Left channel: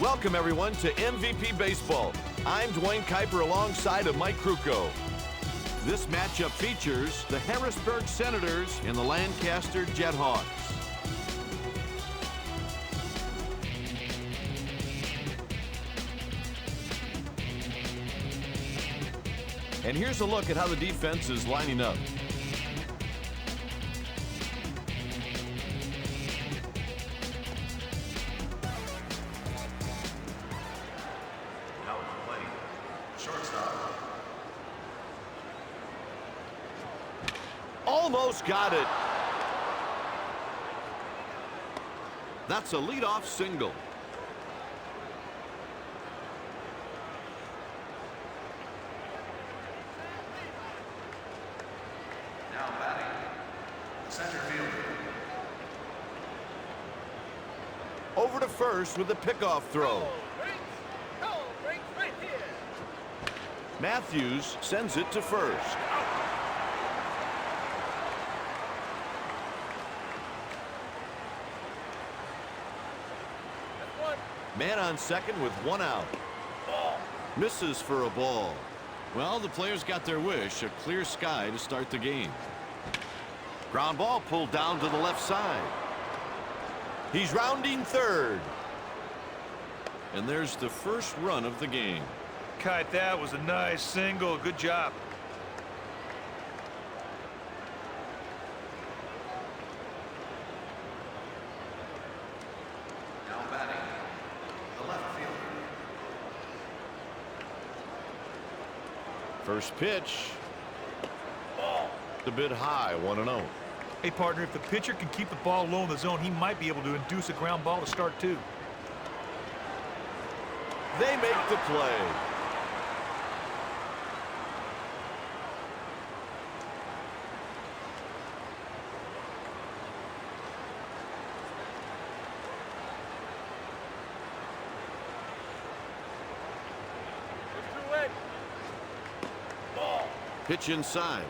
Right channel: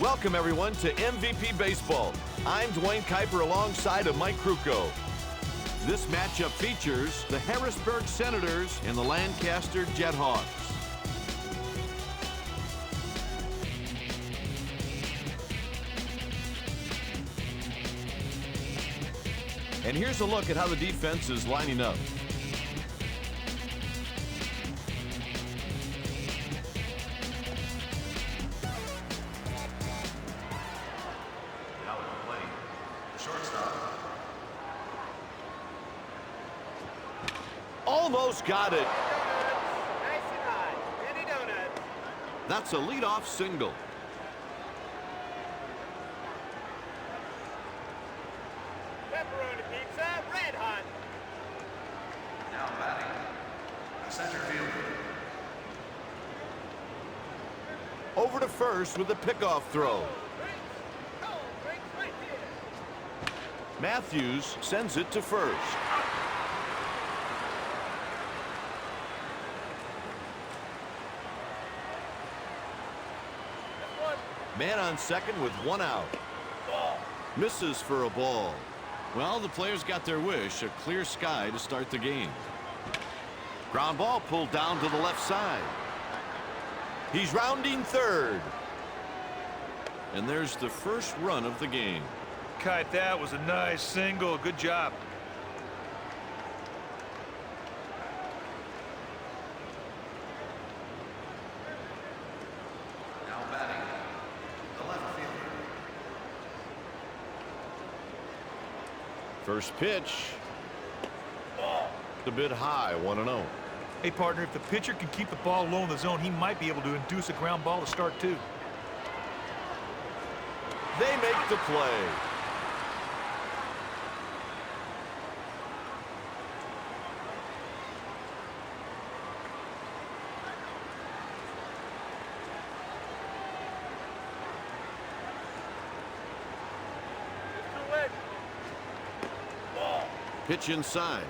Welcome, everyone, to MVP Baseball. I'm Dwayne Kuiper alongside of Mike Krukow. This matchup features the Harrisburg Senators and the Lancaster JetHawks. And here's a look at how the defense is lining up. Now at the plate, the shortstop. Almost got it. That's a leadoff single. Now batting, the center fielder. Over to first with a pickoff throw. Matthews sends it to first. Man on second with one out. Misses for a ball. Well, the players got their wish, a clear sky to start the game. Ground ball pulled down to the left side. He's rounding third. And there's the first run of the game. Kite, that was a nice single. Good job. Now batting, the left fielder. First pitch. A bit high, 1-0. Hey, partner, if the pitcher can keep the ball low in the zone, he might be able to induce a ground ball to start, too. They make the play. Pitch inside.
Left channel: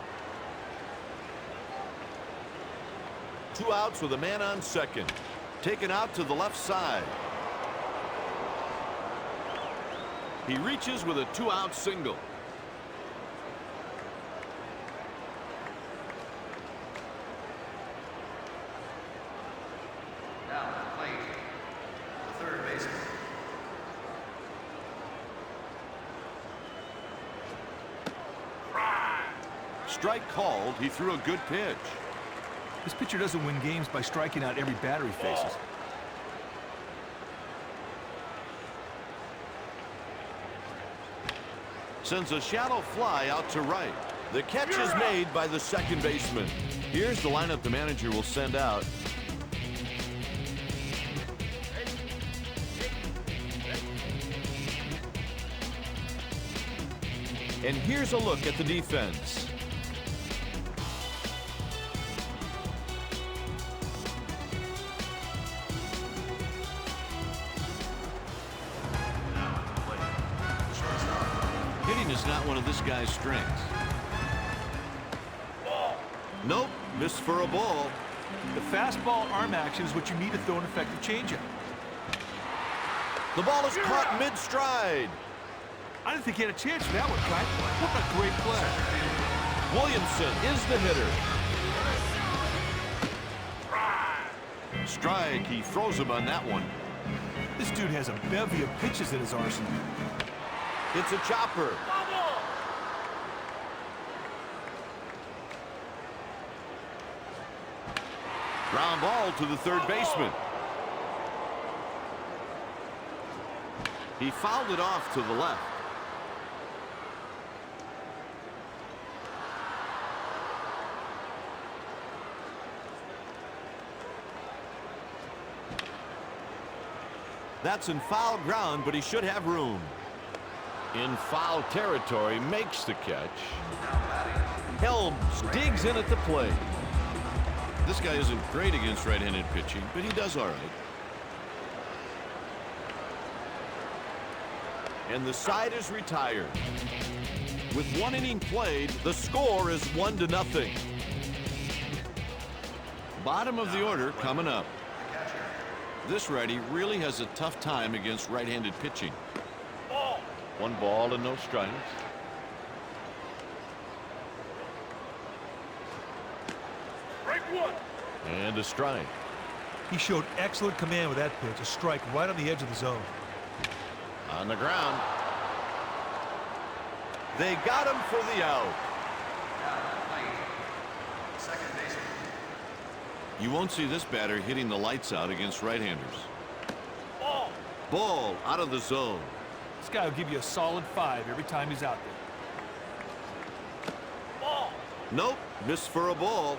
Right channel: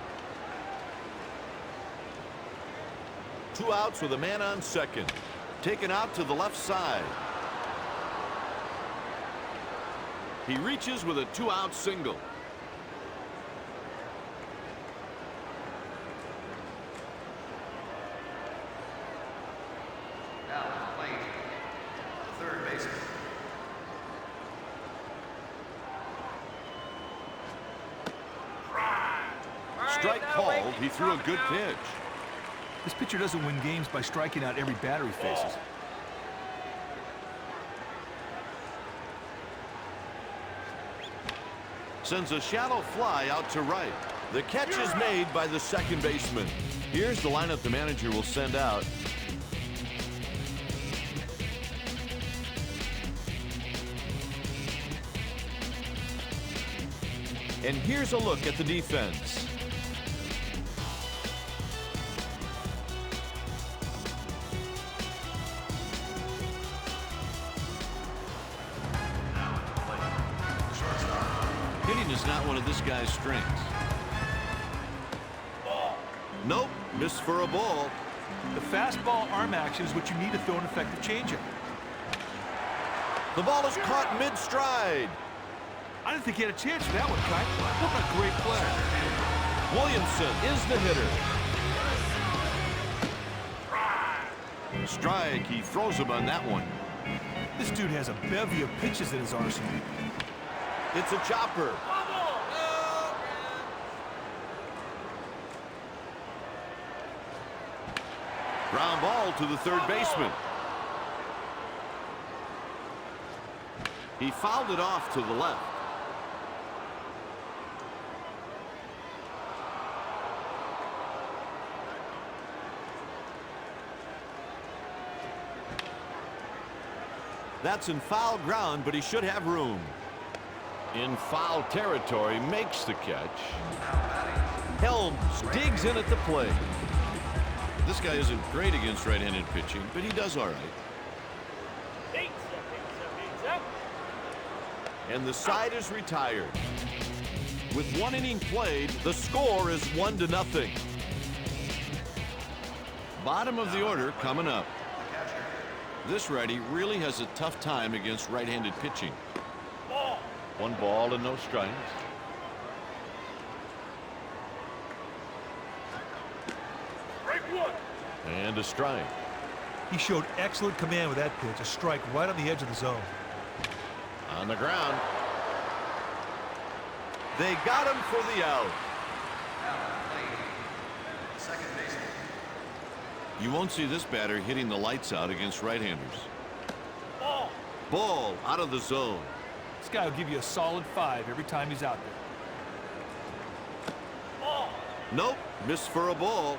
2 outs with a man on second. Taken out to the left side. He reaches with a 2-out single. Now at the plate, the third baseman. Strike called. He threw a good pitch. This pitcher doesn't win games by striking out every batter he faces. Sends a shallow fly out to right. The catch is made by the second baseman. Here's the lineup the manager will send out. And here's a look at the defense. Now at the plate, the shortstop. Hitting is not one of this guy's strengths. Nope, missed for a ball. The fastball arm action is what you need to throw an effective changeup. The ball is caught mid-stride. I didn't think he had a chance for that one, Kite. What a great play. Williamson is the hitter. Strike, he throws him on that one. This dude has a bevy of pitches in his arsenal. It's a chopper. Ground ball to the third baseman. He fouled it off to the left. That's in foul ground, but he should have room. In foul territory, makes the catch. Now batting, Helms digs in at the plate. This guy isn't great against right-handed pitching, but he does all right. And the side is retired. With 1 inning played, the score is 1-0. Bottom of the order coming up. the catcher. This righty really has a tough time against right-handed pitching. Ball. 1 ball and no strikes. Strike 1. And a strike. He showed excellent command with that pitch. A strike right on the edge of the zone. On the ground. They got him for the out. Now at the plate, second baseman. You won't see this batter hitting the lights out against right-handers. Ball. Ball out of the zone. This guy will give you a solid 5 every time he's out there. Ball. Nope, missed for a ball.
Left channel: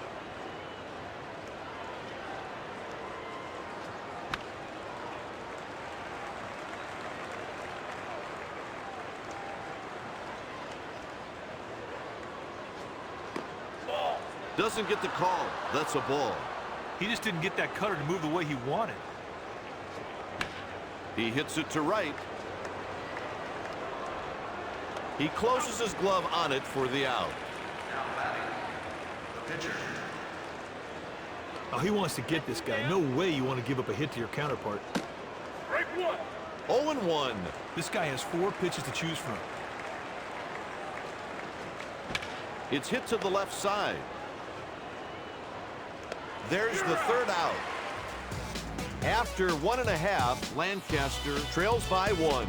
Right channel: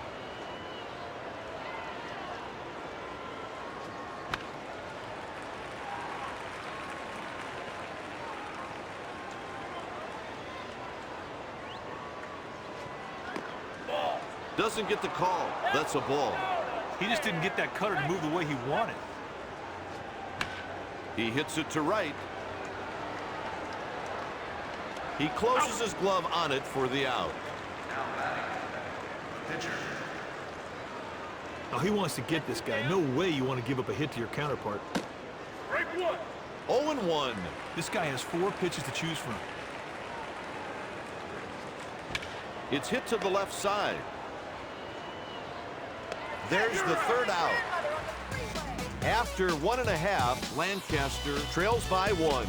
Ball. Doesn't get the call. That's a ball. He just didn't get that cutter to move the way he wanted. He hits it to right. He closes his glove on it for the out. Now batting, the pitcher. Now he wants to get this guy. No way you want to give up a hit to your counterpart. Strike 1. 0-1. This guy has 4 pitches to choose from. It's hit to the left side. There's the third out. After 1.5, Lancaster trails by 1.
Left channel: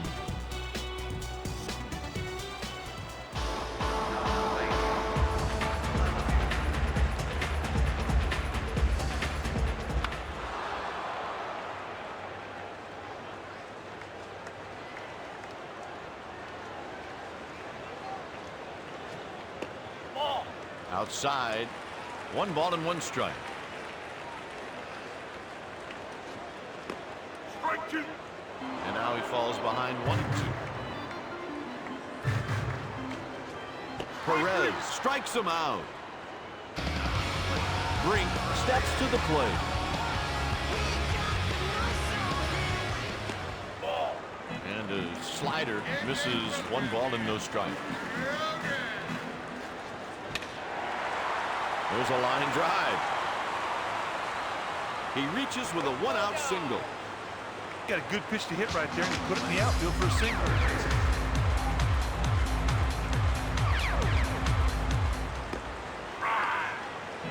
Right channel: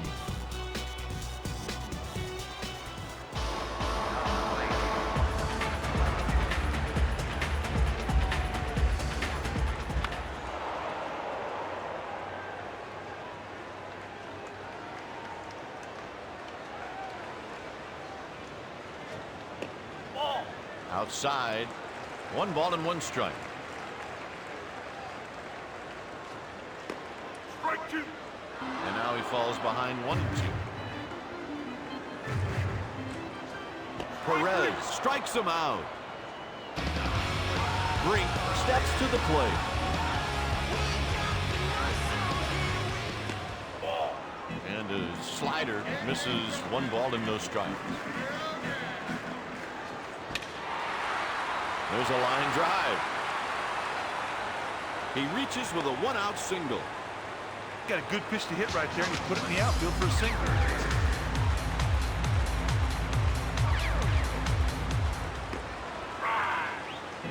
Ball. Outside. 1 ball and 1 strike. Strike 2. And now he falls behind 1-2. Perez strikes him out. Brink steps to the plate. Ball. And a slider misses 1 ball and no strikes. There's a line drive. He reaches with a 1-out single. Got a good pitch to hit right there, and he put it in the outfield for a single.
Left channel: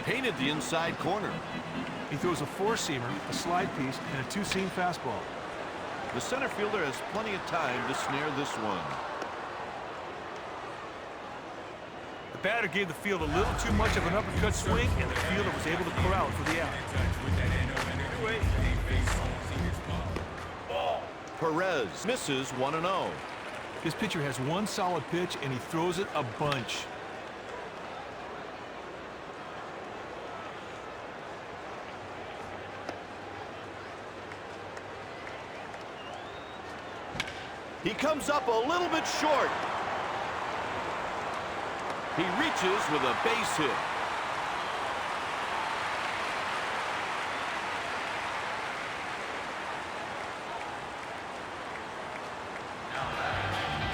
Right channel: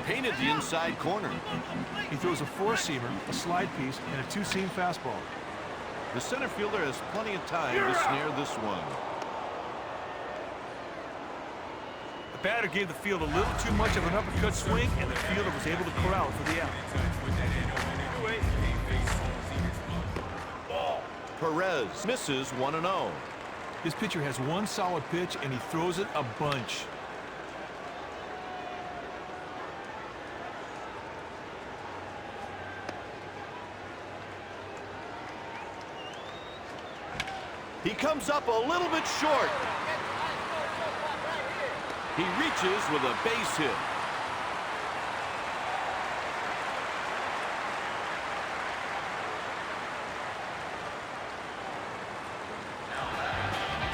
Painted the inside corner. He throws a 4-seamer, a slide piece, and a 2-seam fastball. The center fielder has plenty of time to snare this one. The batter gave the field a little too much of an uppercut swing, and the fielder was able to corral it for the out. Ball. Perez misses 1-0. This pitcher has 1 solid pitch, and he throws it a bunch. He comes up a little bit short. He reaches with a base hit.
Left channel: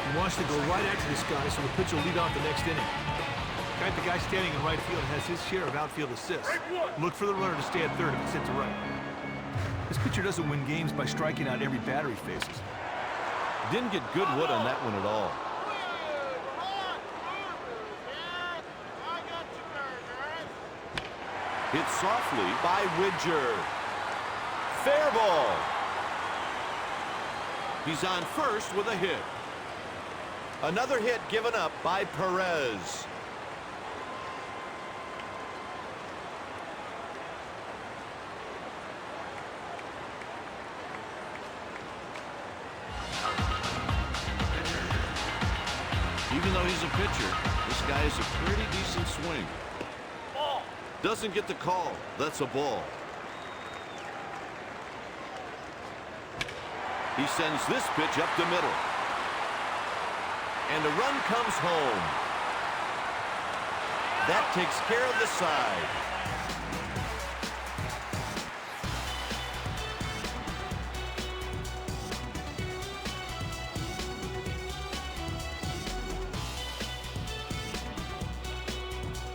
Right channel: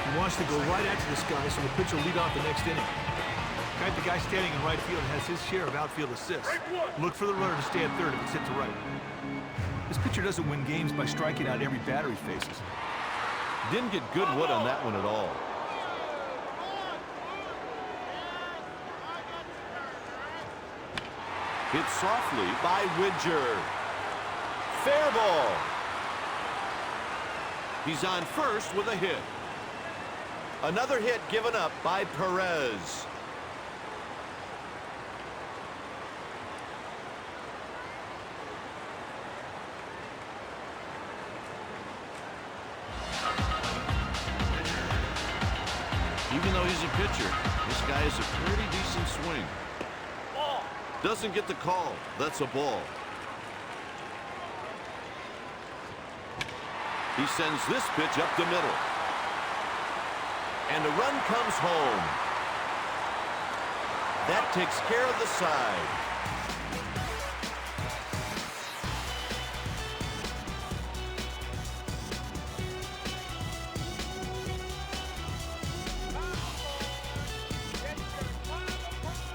He wants to go right after this guy, so the pitcher will lead off the next inning. The guy standing in right field has his share of outfield assists. Look for the runner to stay at third if it's hit to right. This pitcher doesn't win games by striking out every batter he faces. Didn't get good wood on that one at all. Hit softly by Widger. Fair ball. He's on first with a hit. Another hit given up by Perez. Even though he's a pitcher, this guy has a pretty decent swing. Ball. Doesn't get the call. That's a ball. He sends this pitch up the middle. And a run comes home. That takes care of the side.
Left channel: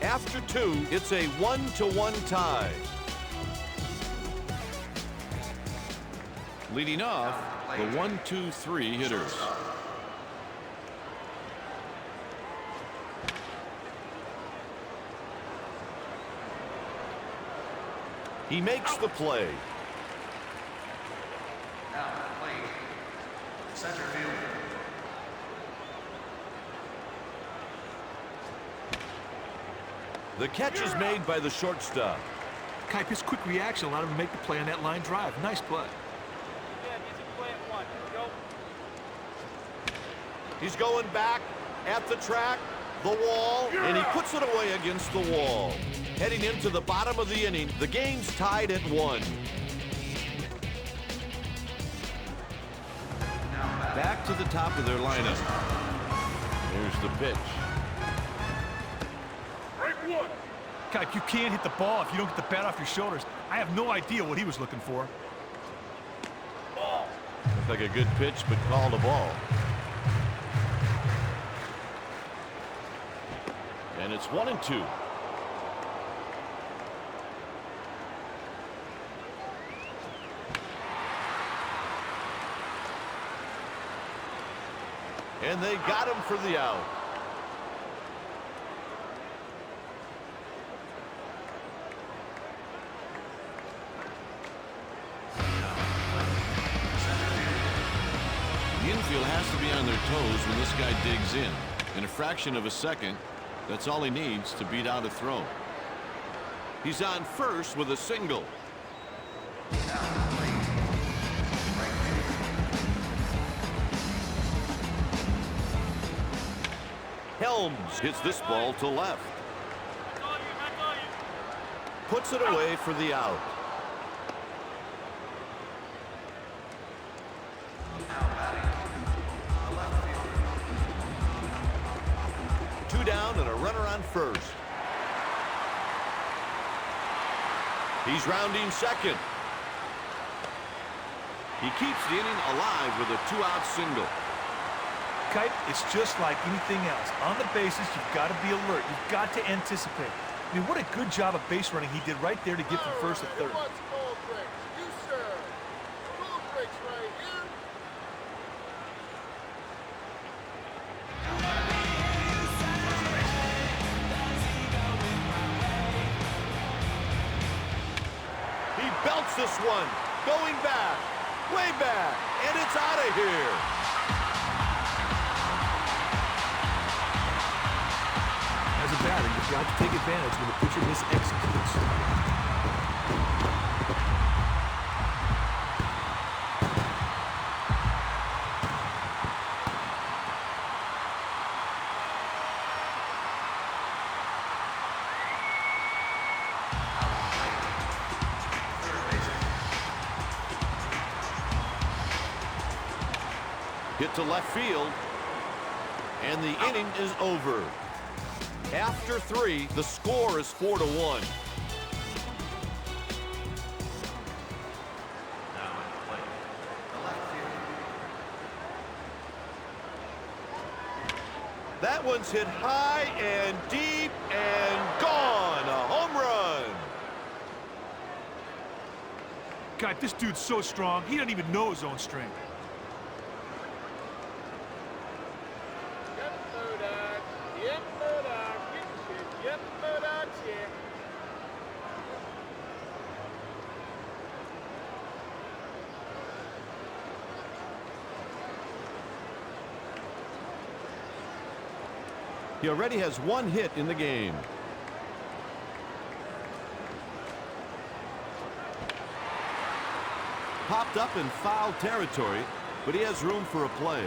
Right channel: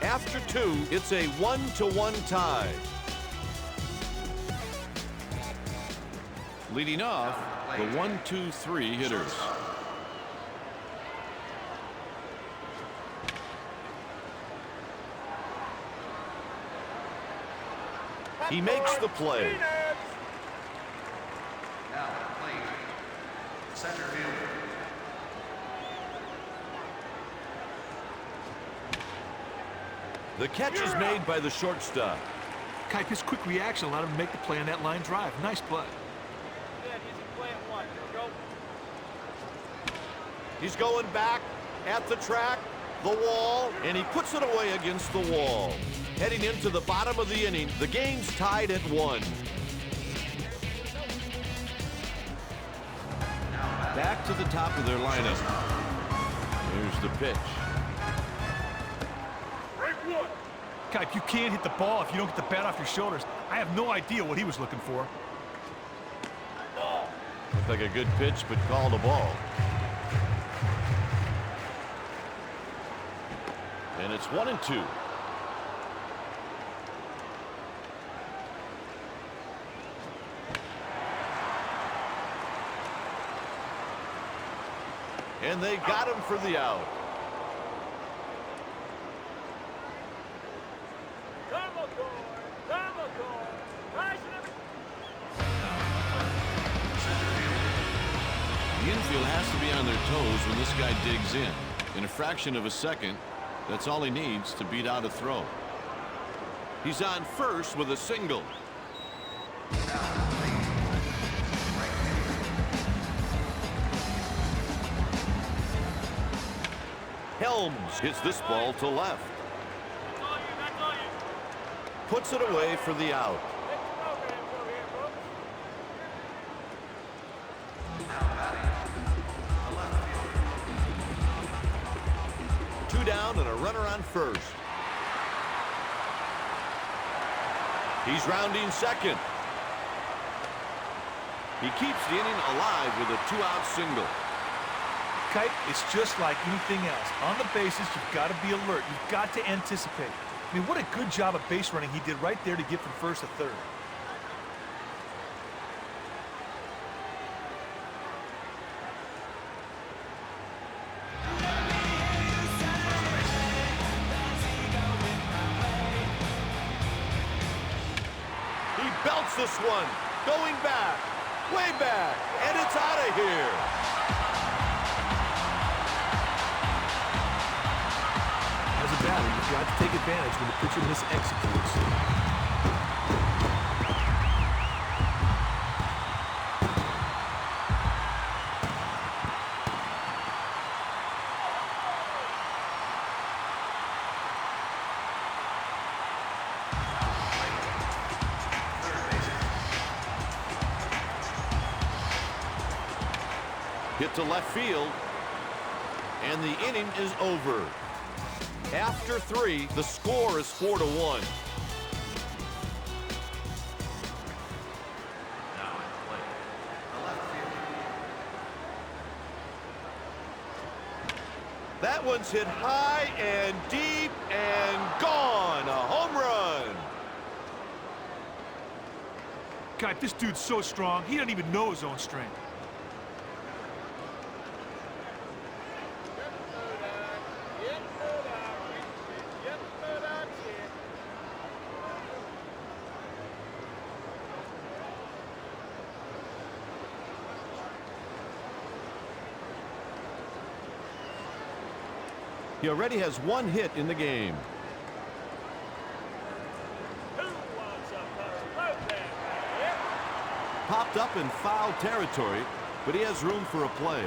After 2, it's a 1-1 tie. Leading off, the 1-2-3 hitters. He makes the play. Now at the plate, center fielder. The catch is made by the shortstop. Kipe, his quick reaction allowed him to make the play on that line drive. Nice play. Easy play at one. Here we go. He's going back at the track, the wall, and he puts it away against the wall. Heading into the bottom of the inning, the game's tied at 1. Back to the top of their lineup. Here's the pitch. Kipe, you can't hit the ball if you don't get the bat off your shoulders. I have no idea what he was looking for. Looked like a good pitch, but called a ball. And it's 1-2. And they got him for the out. The infield has to be on their toes when this guy digs in. In a fraction of a second, that's all he needs to beat out a throw. He's on first with a single. Helms hits this ball to left. That's all you. That's all you. Puts it away for the out. Two down and a runner on first. He's rounding second. He keeps the inning alive with a 2-out single. Kipe, it's just like anything else. On the bases, you've got to be alert. You've got to anticipate. I mean, what a good job of base running he did right there to get from first to third. He belts this one, going back, way back, and it's out of here. As a batter, you've got to take advantage when the pitcher mis-executes. Hit to left field, and the inning is over. After 3, the score is 4-1. Now at the plate, the left fielder. That one's hit high and deep and gone. A home run. Kipe, this dude's so strong, he doesn't even know his own strength. He already has 1 hit in the game. Popped up in foul territory, but he has room for a play.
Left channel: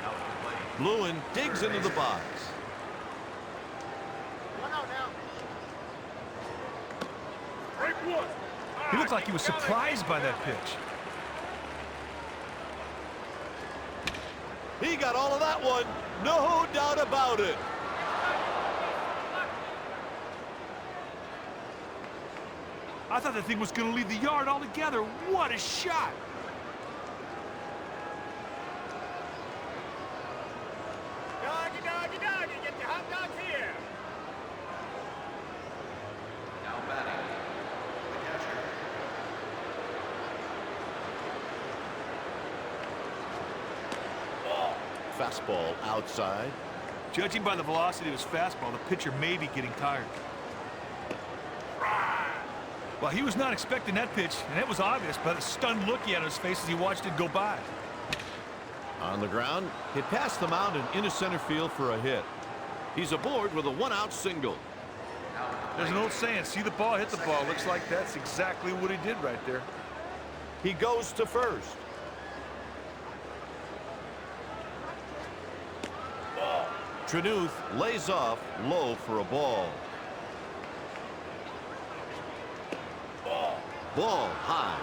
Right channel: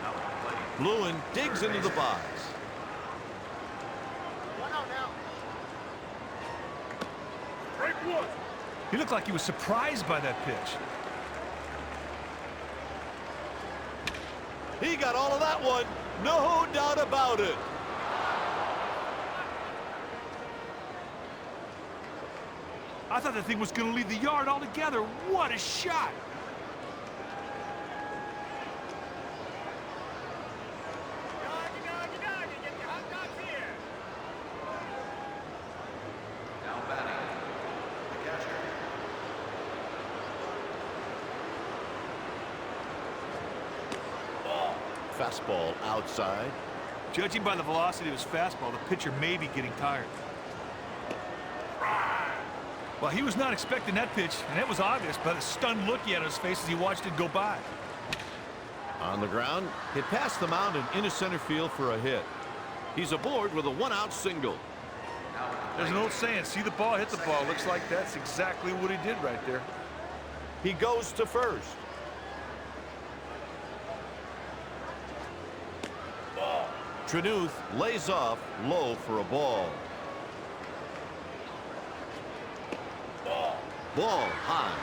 Now at the plate, Lewin digs into the box. One out now. He looked like he was surprised by that pitch. He got all of that one, no doubt about it. I thought that thing was going to leave the yard altogether. What a shot! now batting, the catcher. fastball outside. Judging by the velocity of his fastball, the pitcher may be getting tired. Well, he was not expecting that pitch, and it was obvious by the stunned look he had on his face as he watched it go by. On the ground, hit past the mound and into center field for a hit. He's aboard with a one-out single. There's an old saying, see the ball, hit the ball. Looks like that's exactly what he did right there. He goes to first. Trenuth lays off low for a ball. Ball high.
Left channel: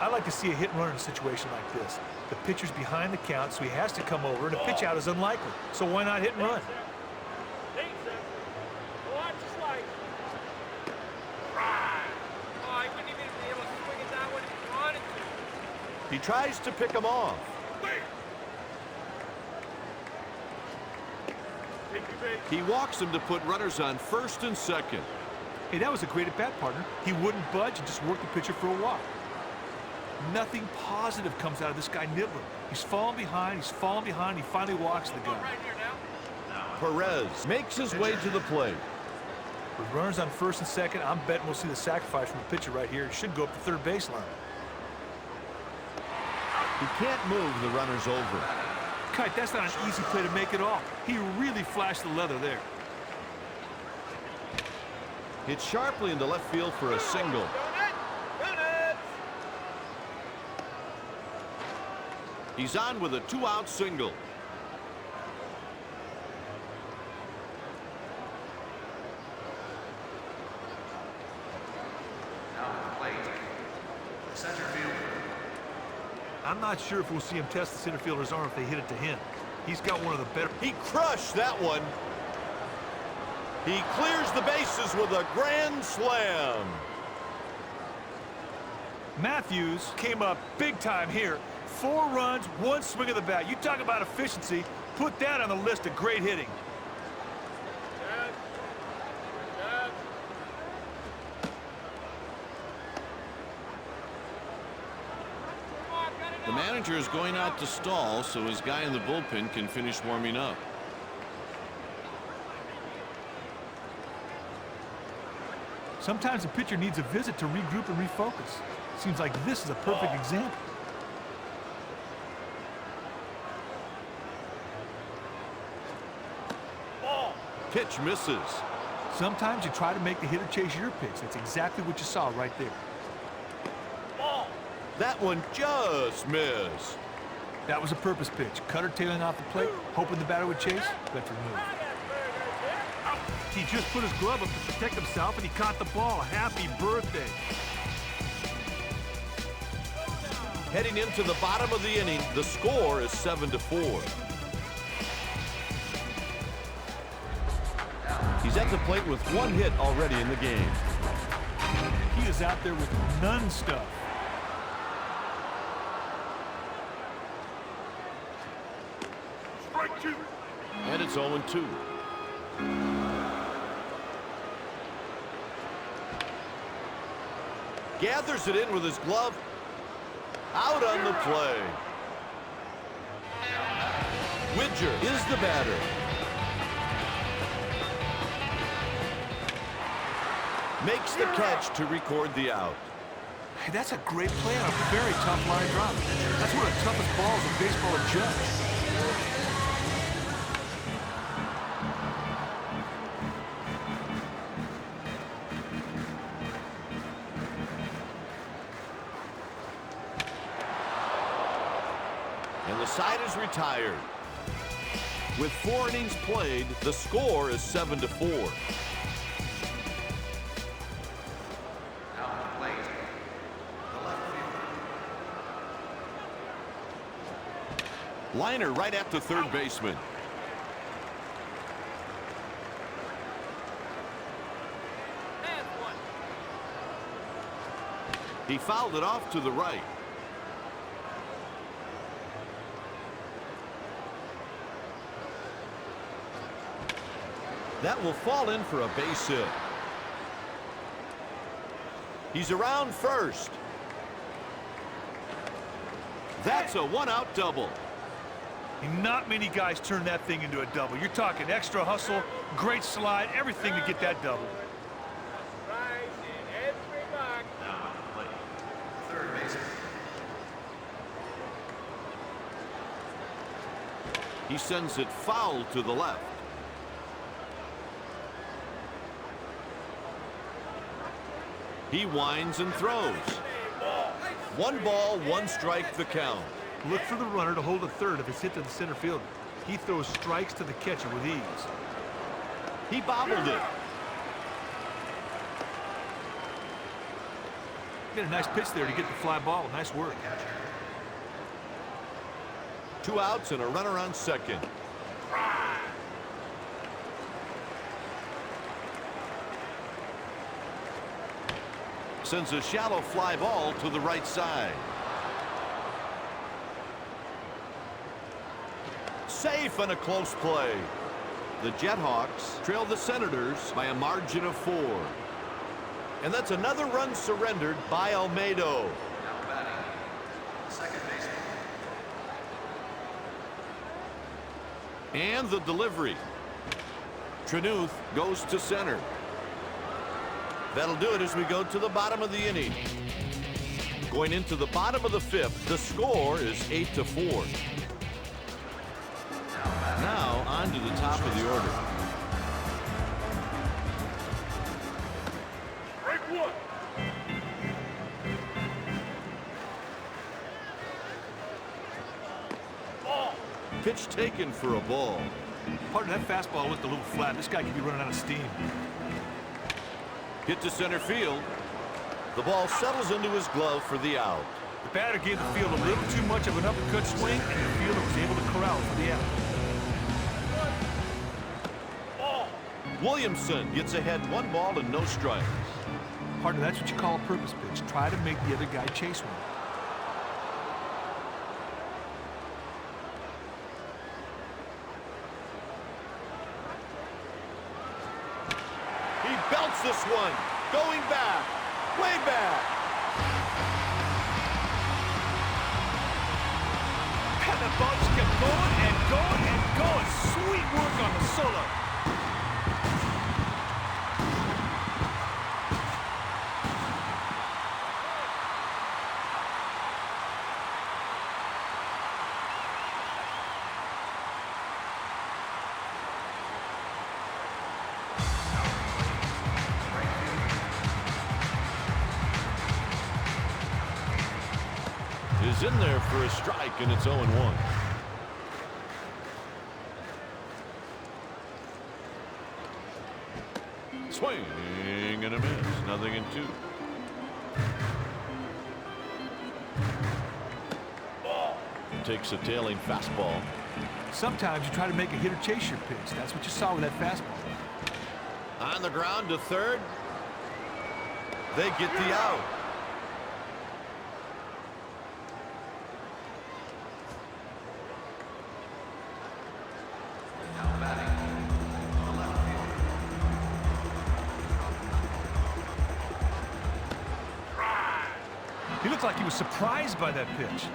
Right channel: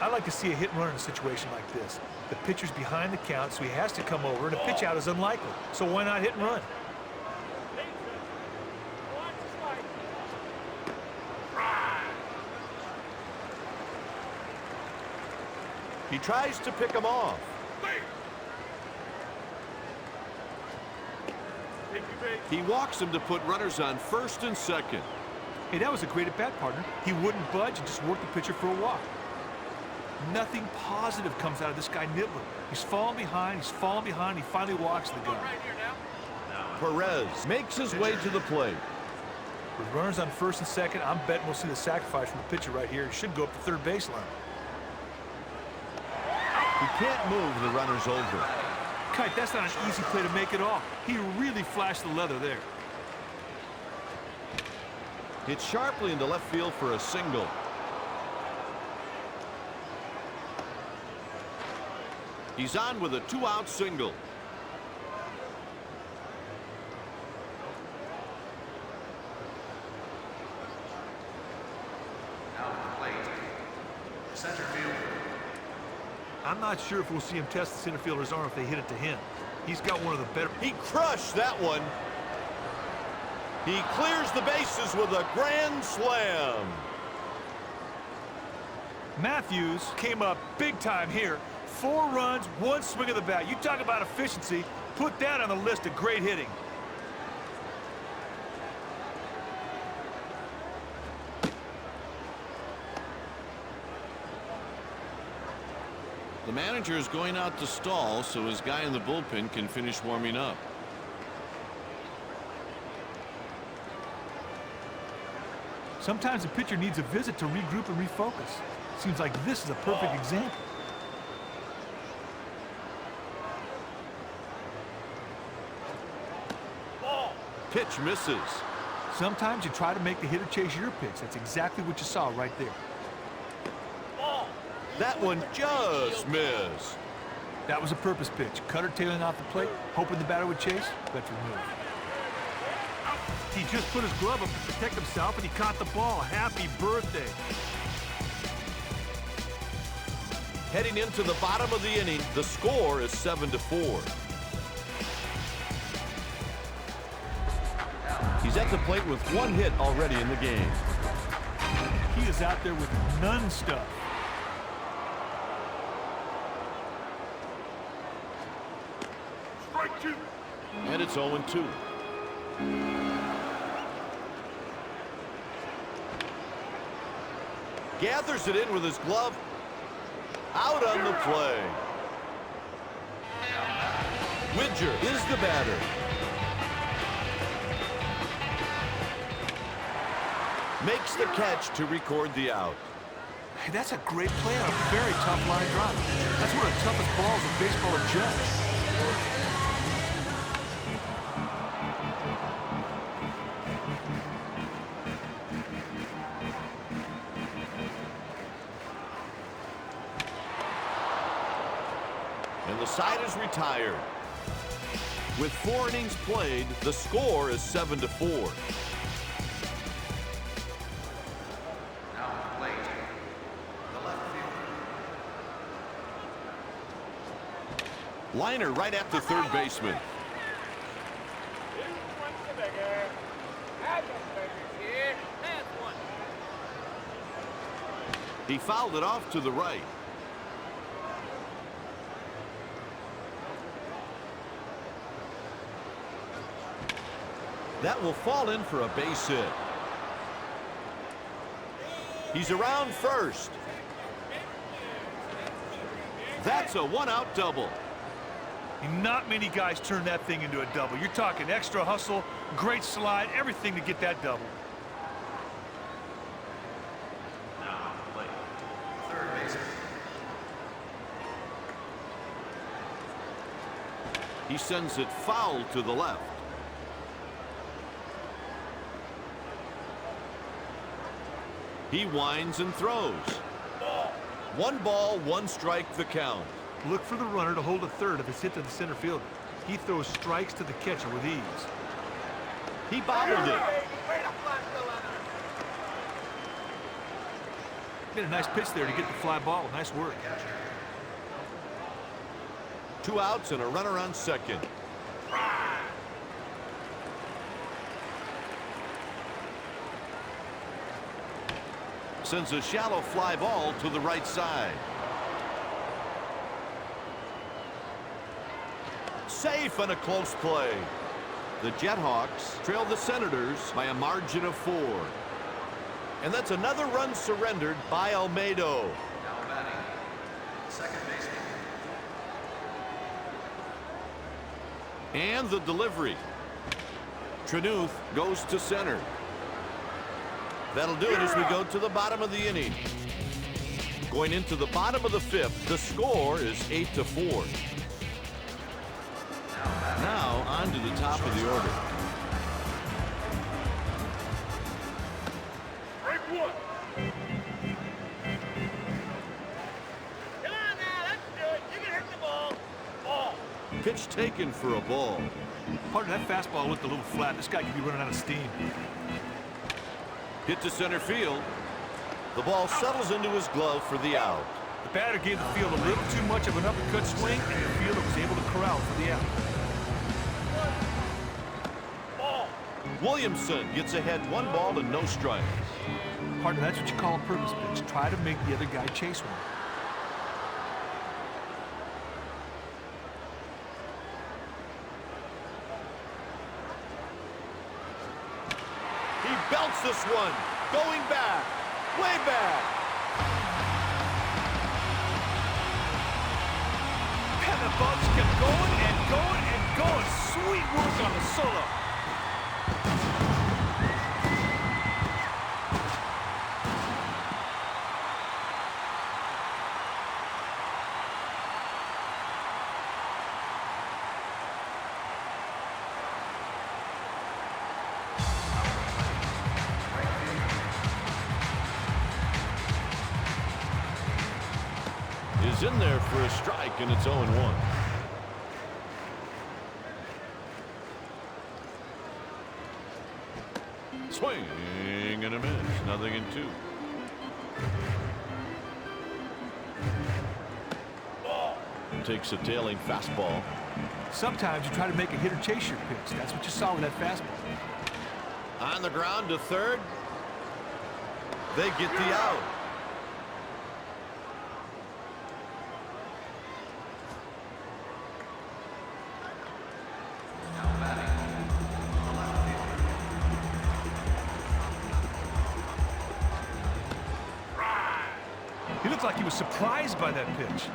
I like to see a hit and run in a situation like this. The pitcher's behind the count, so he has to come over, and a pitch out is unlikely. So why not hit and run? He tries to pick him off. He walks him to put runners on first and second. Hey, that was a great at-bat, partner. He wouldn't budge and just worked the pitcher for a walk. Nothing positive comes out of this guy nibbling. He's falling behind, he finally walks the guy. Right here now. Perez makes his way to the plate. With runners on first and second, I'm betting we'll see the sacrifice from the pitcher right here. He should go up the third baseline. He can't move the runners over. Kite, that's not an easy play to make at all. He really flashed the leather there. Hit sharply into left field for a single. He's on with a two-out single. Now at the plate, center fielder. I'm not sure if we'll see him test the center fielder's arm if they hit it to him. He's got one of the better... He crushed that one. He clears the bases with a grand slam. Matthews came up big time here. 4 runs, 1 swing of the bat. You talk about efficiency. Put that on the list of great hitting. The manager is going out to stall so his guy in the bullpen can finish warming up. Sometimes a pitcher needs a visit to regroup and refocus. Seems like this is a perfect example. Pitch misses. Sometimes you try to make the hitter chase your pitch. That's exactly what you saw right there. That one just missed. That was a purpose pitch. Cutter tailing off the plate, hoping the batter would chase. That's removed. He just put his glove up to protect himself, and he caught the ball. Happy birthday. Heading into the bottom of the inning, the score is 7-4. He's at the plate with 1 hit already in the game. He is out there with none stuff. Strike 2. And it's 0-2. Gathers it in with his glove. Out on the play. Widger is the batter. Makes the catch to record the out. Hey, that's a great play on a very tough line drive. That's one of the toughest balls in baseball to judge. And the side is retired. With 4 innings played, the score is 7-4. Now at the plate, the left fielder. Liner right at the third baseman. That's one. He fouled it off to the right. That will fall in for a base hit. He's around first. That's a 1-out double. And not many guys turn that thing into a double. You're talking extra hustle, great slide, everything to get that double. Now on the plate, third baseman. He sends it foul to the left. He winds and throws. 1 ball, 1 strike the count. Look for the runner to hold a third if it's hit to the center fielder. He throws strikes to the catcher with ease. He bobbled it. Made a nice pitch there to get the fly ball. Nice work. 2 outs and a runner on second. Sends a shallow fly ball to the right side. Safe and a close play. The JetHawks trail the Senators by a margin of 4. And that's another run surrendered by Almedo. Now batting, second baseman. And the delivery. Trenuth goes to center. That'll do it as we go to the bottom of the inning. Going into the bottom of the 5th, the score is 8-4. Now on to the top of the order. Break 1. Ball. Pitch taken for a ball. Part of that fastball looked a little flat. This guy could be running out of steam. Hit to center field. The ball settles into his glove for the out. The batter gave the field a little too much of an uppercut swing, and the fielder was able to corral for the out. Ball. Williamson gets ahead 1 ball and no strikes. Partner, that's what you call a purpose pitch. Try to make the other guy chase one. He belts this one. Going back. Way back. And the ball just kept going and going and going. Sweet work on the solo. Is in there for a strike, and it's 0-1. Swing and a miss. 0-2. Takes a tailing fastball. Sometimes you try to make a hitter chase your pitch. That's what you saw with that fastball. On the ground to third. They get the out. He looked like he was surprised by that pitch.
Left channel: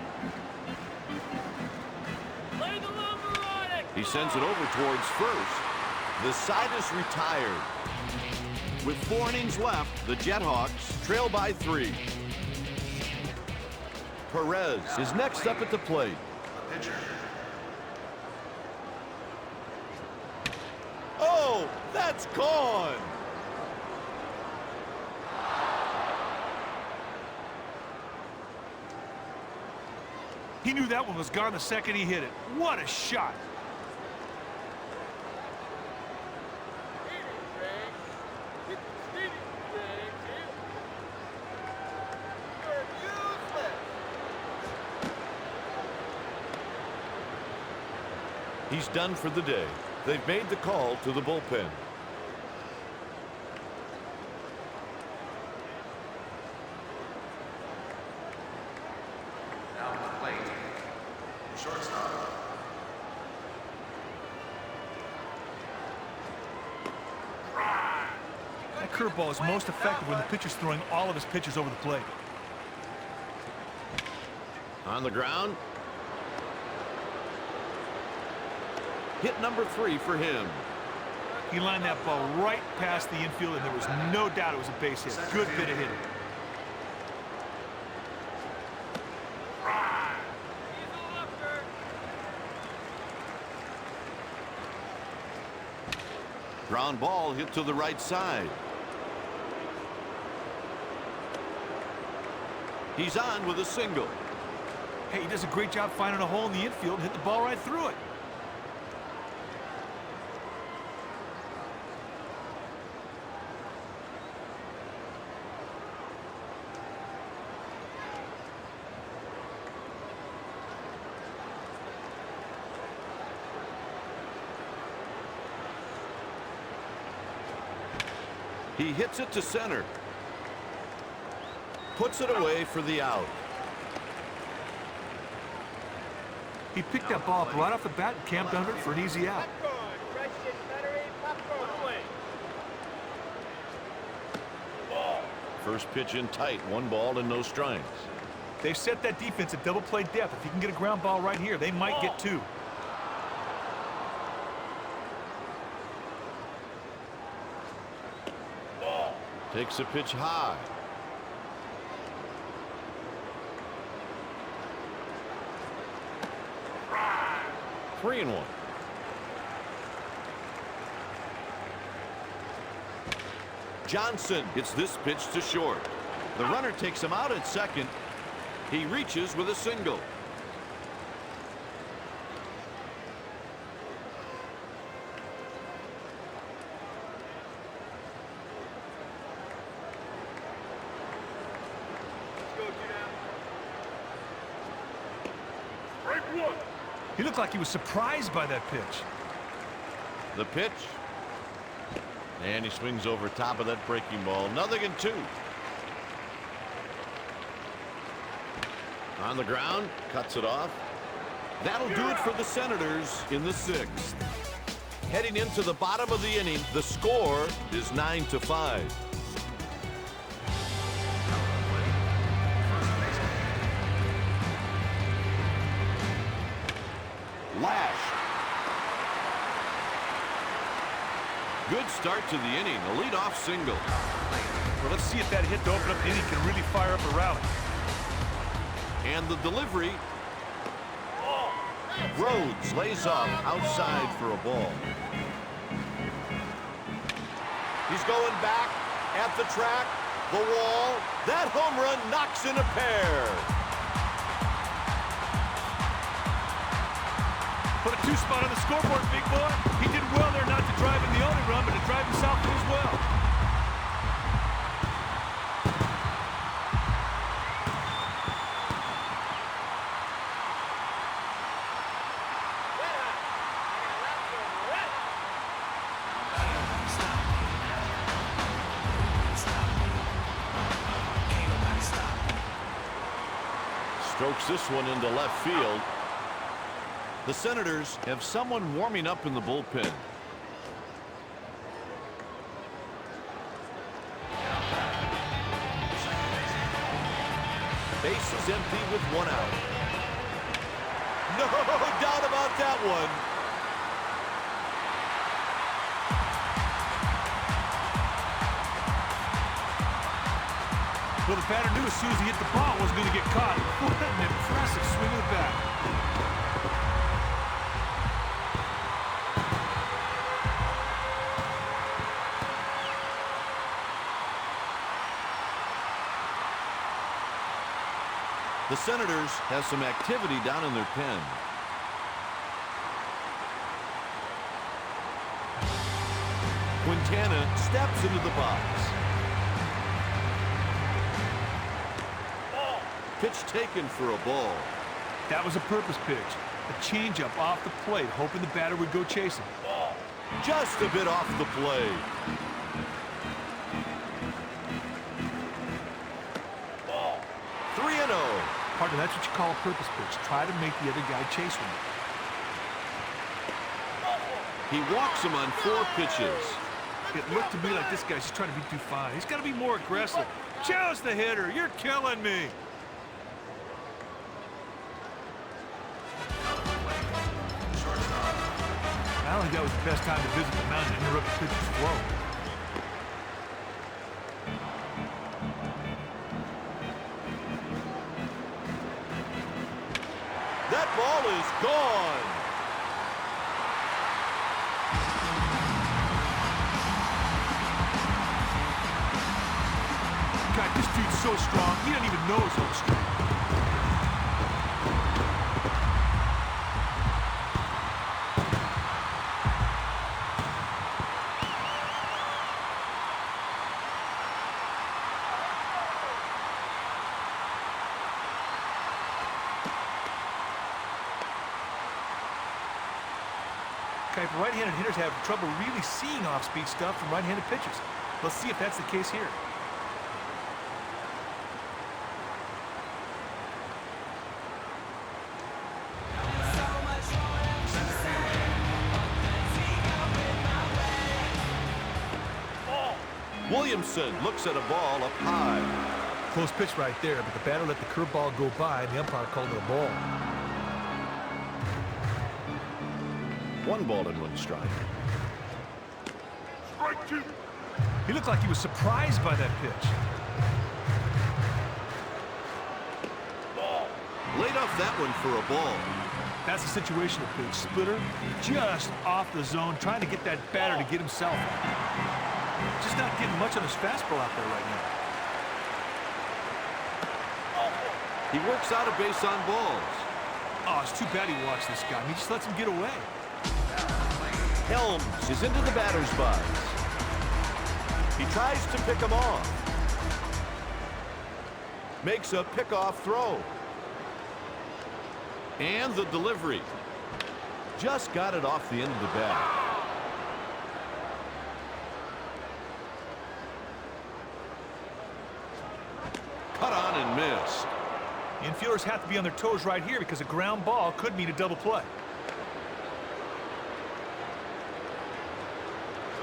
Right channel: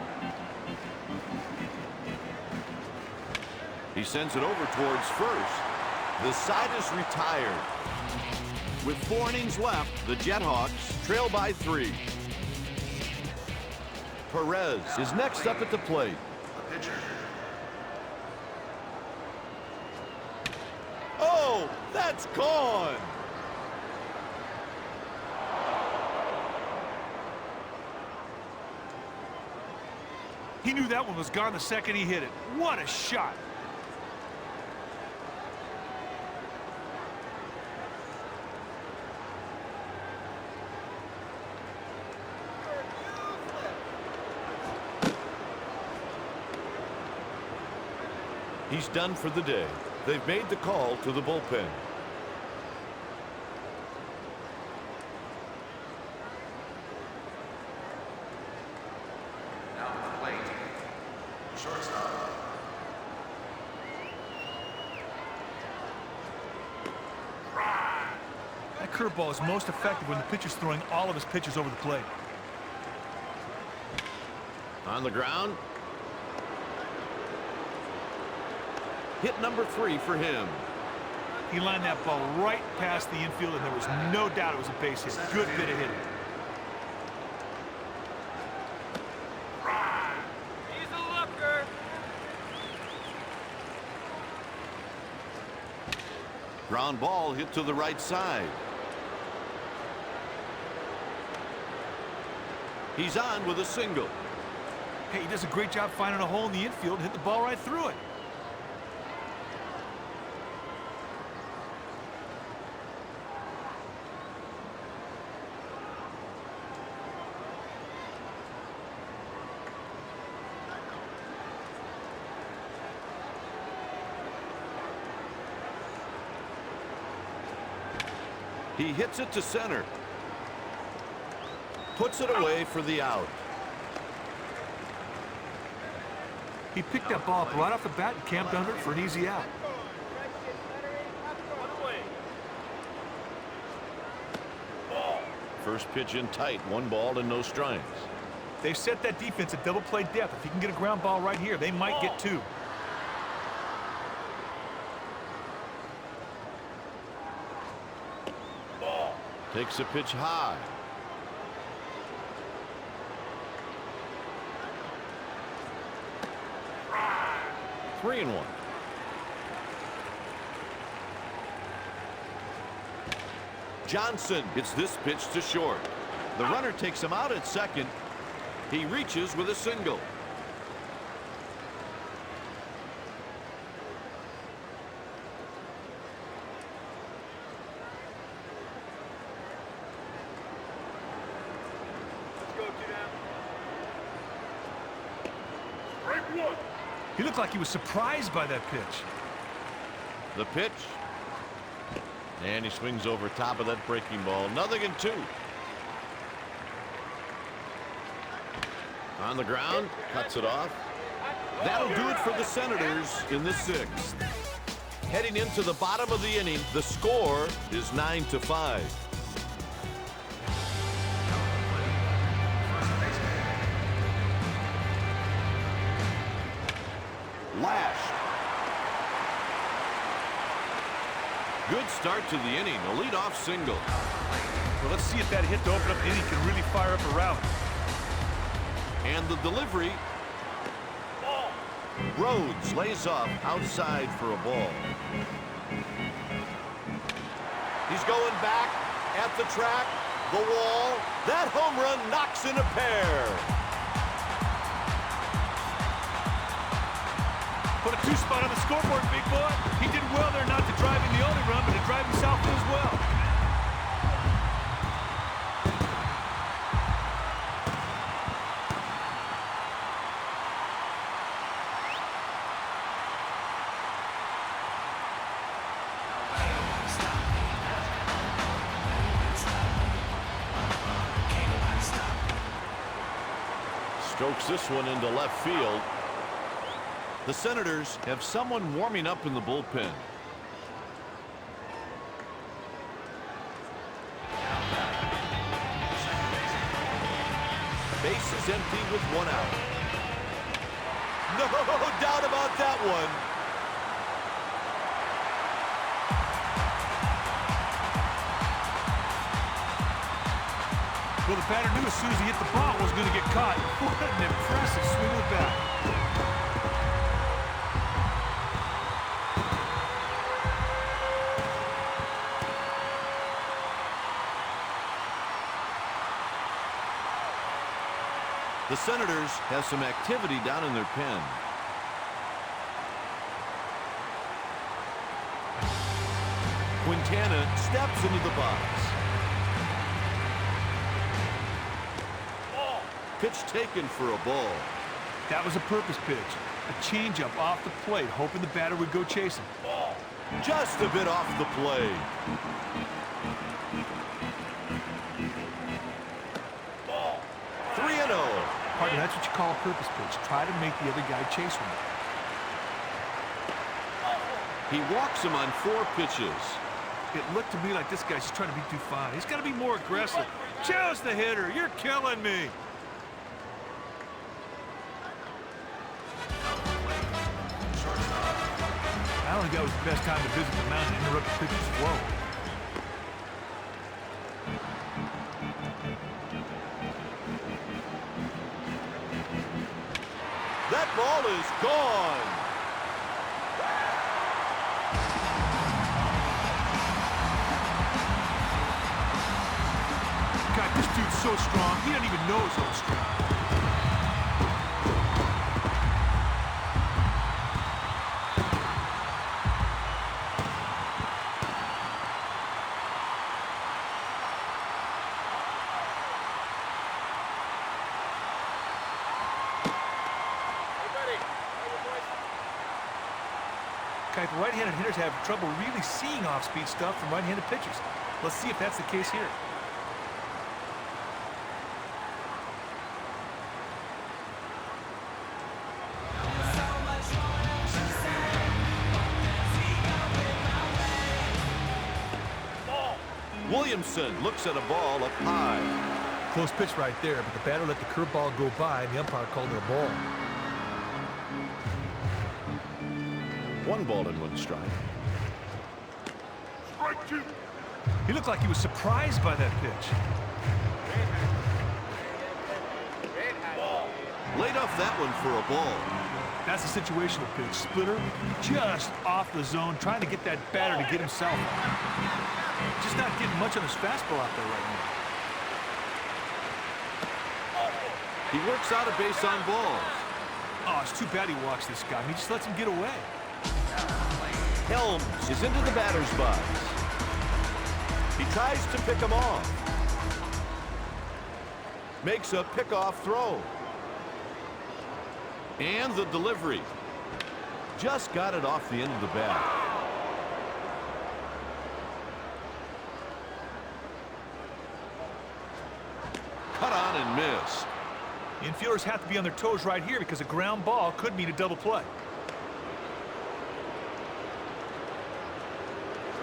He sends it over towards first. The side is retired. With 4 innings left, the JetHawks trail by 3. Perez is next up at the plate. The pitcher. Oh, that's gone. He knew that one was gone the second he hit it. What a shot. He's done for the day. They've made the call to the bullpen. Now on the plate, shortstop. That curveball is most effective when the pitcher's throwing all of his pitches over the plate. On the ground. Hit number 3 for him. He lined that ball right past the infield, and there was no doubt it was a base hit. Good bit of hitting. Ground ball hit to the right side. He's on with a single. Hey, he does a great job finding a hole in the infield and hit the ball right through it. He hits it to center. Puts it away for the out. He picked that ball up right off the bat and camped under it for an easy out. One away. First pitch in tight. 1 ball and no strikes. They've set that defense at double play depth. If he can get a ground ball right here, they might get 2. Takes a pitch high. Three and 1. Johnson hits this pitch to short. The runner takes him out at second. He reaches with a single. He looked like he was surprised by that pitch. The pitch. And he swings over top of that breaking ball. 0-2. On the ground, cuts it off. That'll do it for the Senators in the 6th. Heading into the bottom of the inning, the score is 9-5. Lashed. Good start to the inning. A leadoff single. Well, let's see if that hit to open up the inning can really fire up a rally. And the delivery. Rhodes lays off outside for a ball. He's going back at the track, the wall. That home run knocks in a pair. Put a 2 spot on the scoreboard, big boy. He did well there not to drive in the only run, but to drive himself in as well. Strokes this one into left field. The Senators have someone warming up in the bullpen. Base is empty with 1 out. No doubt about that one. Well, the batter knew as soon as he hit the ball it wasn't going to get caught. What an impressive swing of the bat. The Senators have some activity down in their pen. Quintana steps into the box. Pitch taken for a ball. That was a purpose pitch. A changeup off the plate, hoping the batter would go chasing. Just a bit off the play. Ball. 3-0. Partner, that's what you call a purpose pitch. Try to make the other guy chase with it. He walks him on 4 pitches. It looked to me like this guy's just trying to be too fine. He's got to be more aggressive. Challenge the hitter. You're killing me. don't think that was the best time to visit the mound and interrupt the pitcher's flow. That ball is gone. God, this dude's so strong, he doesn't even know his own strength. Kuiper, right-handed hitters have trouble really seeing off-speed stuff from right-handed pitchers. Let's see if that's the case here. Williamson looks at a ball up high. Close pitch right there, but the batter let the curveball go by, and the umpire called it a ball. 1 ball and 1 strike. Strike 2. He looked like he was surprised by that pitch. Ball. Laid off that one for a ball. That's a situational pitch. Splitter just off the zone, trying to get that batter to get himself out. Just not getting much on his fastball out there right now. He works out a base on balls. Oh, it's too bad he walks this guy. I mean, he just lets him get away. Helms is into the batter's box. He tries to pick him off. Makes a pickoff throw. And the delivery. Just got it off the end of the bat. Cut on and missed. Infielders have to be on their toes right here because a ground ball could mean a double play.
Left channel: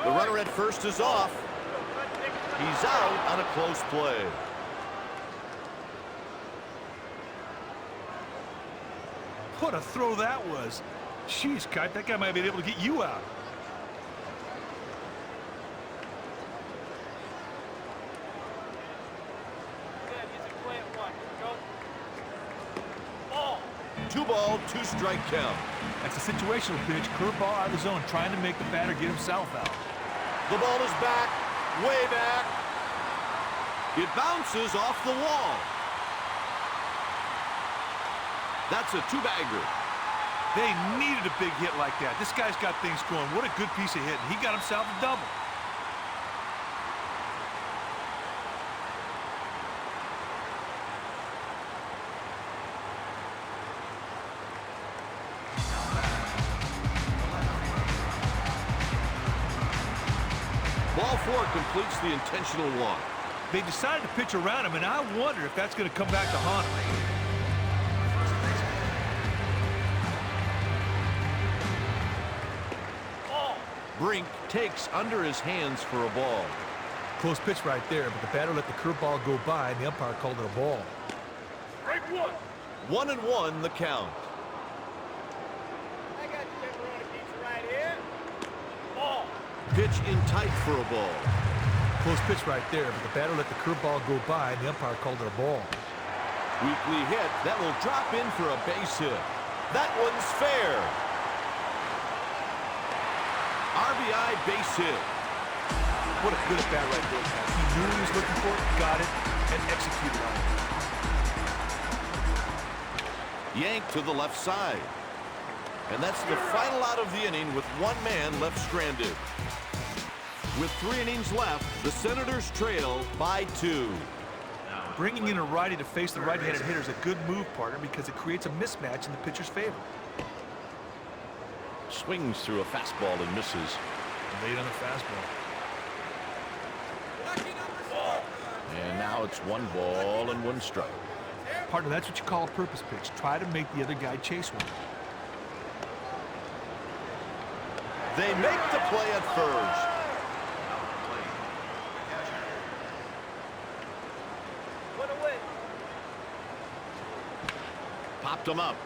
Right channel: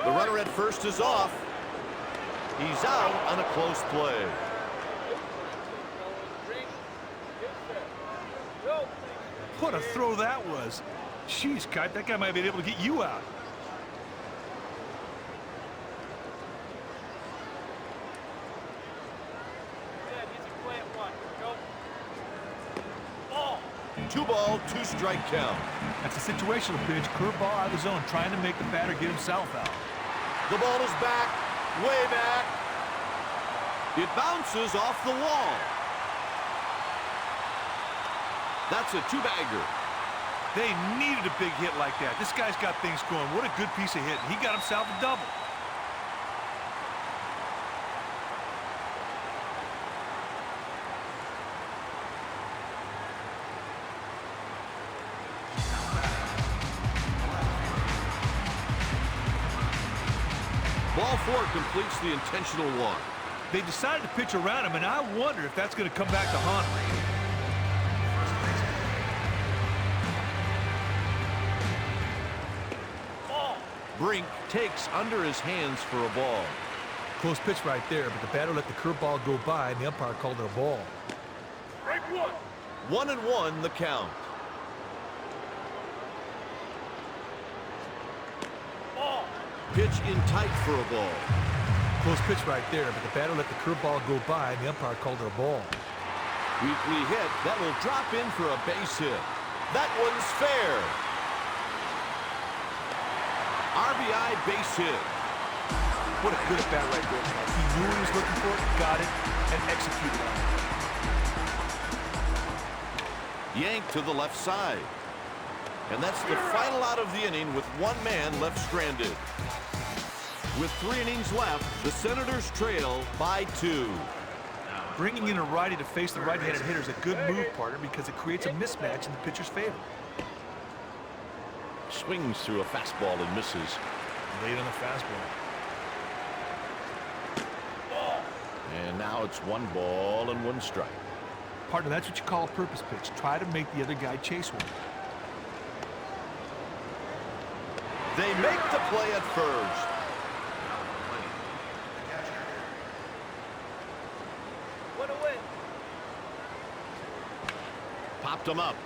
The runner at first is off. He's out on a close play. What a throw that was. Jeez, Kite, that guy might be able to get you out. Ball. 2 ball, 2 strike count. That's a situational pitch, curveball out of the zone, trying to make the batter get himself out. The ball is back, way back. It bounces off the wall. That's a 2-bagger. They needed a big hit like that. This guy's got things going. What a good piece of hitting. He got himself a double. Ball 4 completes the intentional walk. They decided to pitch around him, and I wonder if that's going to come back to haunt him. Brink takes under his hands for a ball. Close pitch right there, but the batter let the curveball go by, and the umpire called it a ball. Strike 1. 1-1 the count. Ball. Pitch in tight for a ball. Close pitch right there, but the batter let the curveball go by, and the umpire called it a ball. Weakly hit. That will drop in for a base hit. That one's fair. RBI base hit. What a good at-bat right there, Pat. He knew what he was looking for, got it, and executed on it. Yanked to the left side. And that's the final out of the inning with 1 man left stranded. With 3 innings left, the Senators trail by 2. Bringing in a righty to face the right-handed hitter is a good move, partner, because it creates a mismatch in the pitcher's favor. Swings through a fastball and misses. Late on the fastball. And now it's 1 ball and 1 strike. Partner, that's what you call a purpose pitch. Try to make the other guy chase one. They make the play at first. One away. Popped him up.